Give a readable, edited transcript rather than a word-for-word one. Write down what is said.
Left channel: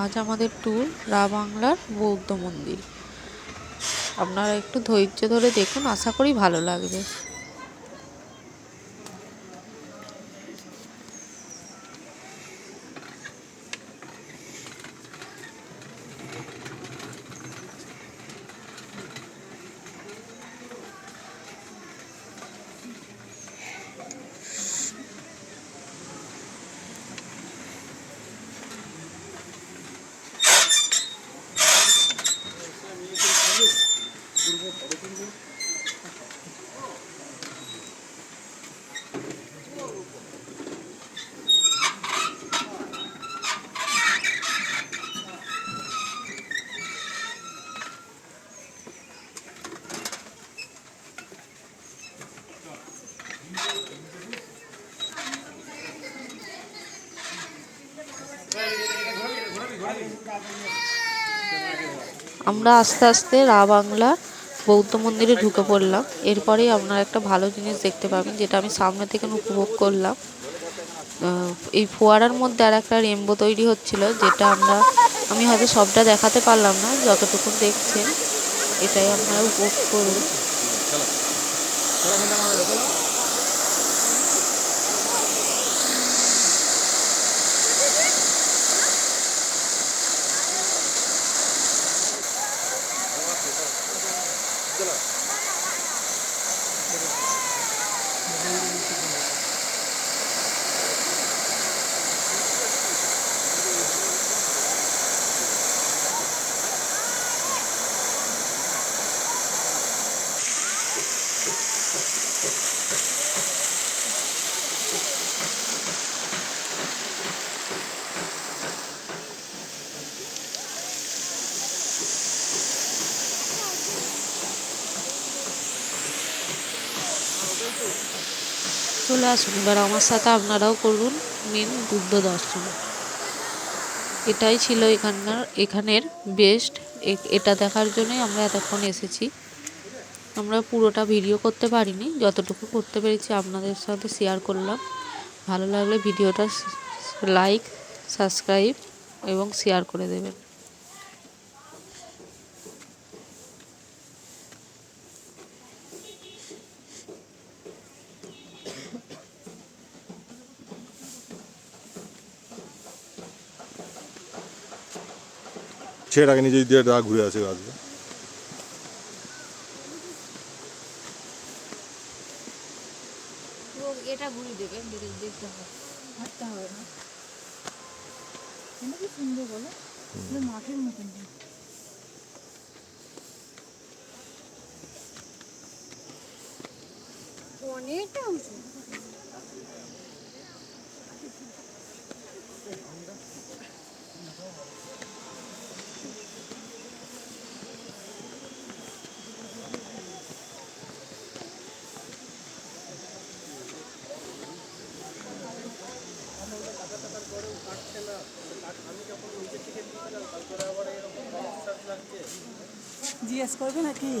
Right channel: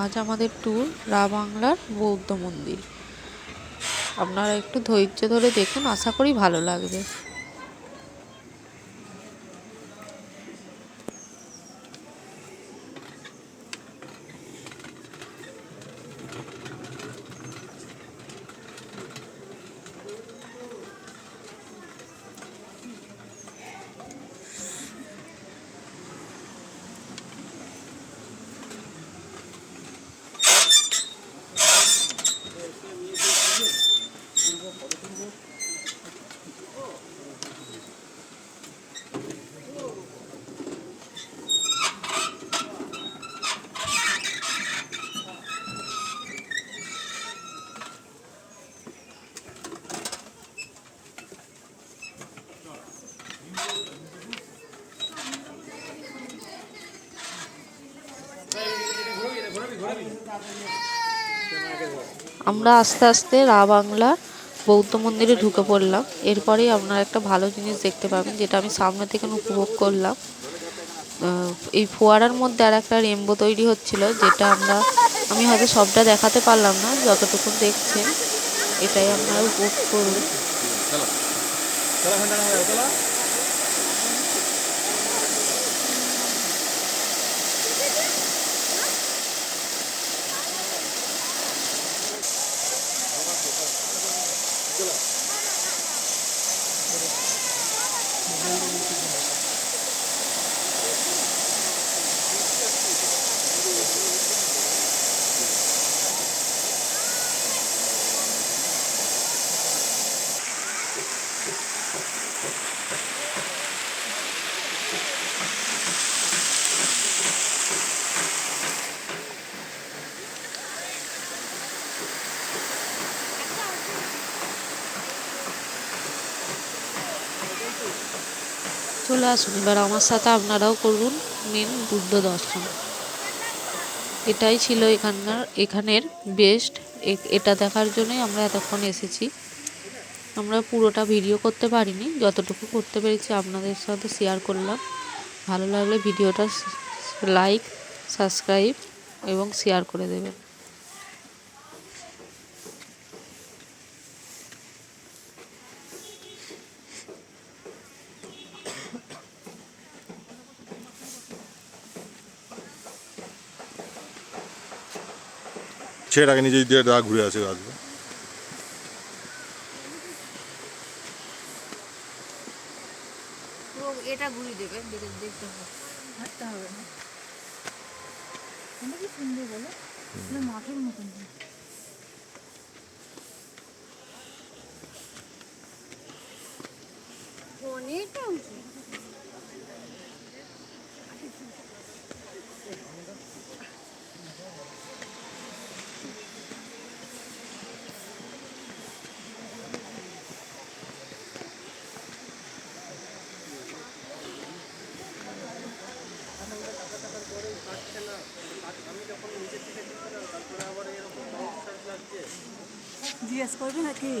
আজ আমাদের ট্যুর বাংলার বৌদ্ধ মন্দির। আপনারা একটু ধৈর্য ধরে দেখুন, আশা করি ভালো লাগবে। আমরা আস্তে আস্তে বাংলা বৌদ্ধ মন্দিরে ঢুকে পড়লাম। এরপরেই আপনারা একটা ভালো জিনিস দেখতে পাবেন, যেটা আমি সামনে থেকে উপভোগ করলাম। এই ফোয়ারার মধ্যে আর একটা রেনবো তৈরি হচ্ছিল, যেটা আমি হয়তো সবটা দেখাতে পারলাম না, যতটুকু দেখছেন এটাই আপনারা উপভোগ করুন। চলে আসুন, এবার আমার সাথে আপনারাও করুন মেন বুদ্ধ দর্শন। এটাই ছিল এখানের বেস্ট। এটা দেখার জন্যই আমরা এতক্ষণ এসেছি। আমরা পুরোটা ভিডিও করতে পারিনি, যতটুকু করতে পেরেছি আপনাদের সাথে শেয়ার করলাম। ভালো লাগলে ভিডিওটা লাইক, সাবস্ক্রাইব এবং শেয়ার করে দেবেন। সেটাকে নিজে দিয়ে ঘুরে আসবে। এটা ঘুরিয়ে দেবে, দেখতে হবে, হাঁটতে হবে না। কি সুন্দর বলো, মাঠের মতন। অনেকটা উঁচু। জিজ্ঞেস করবে নাকি?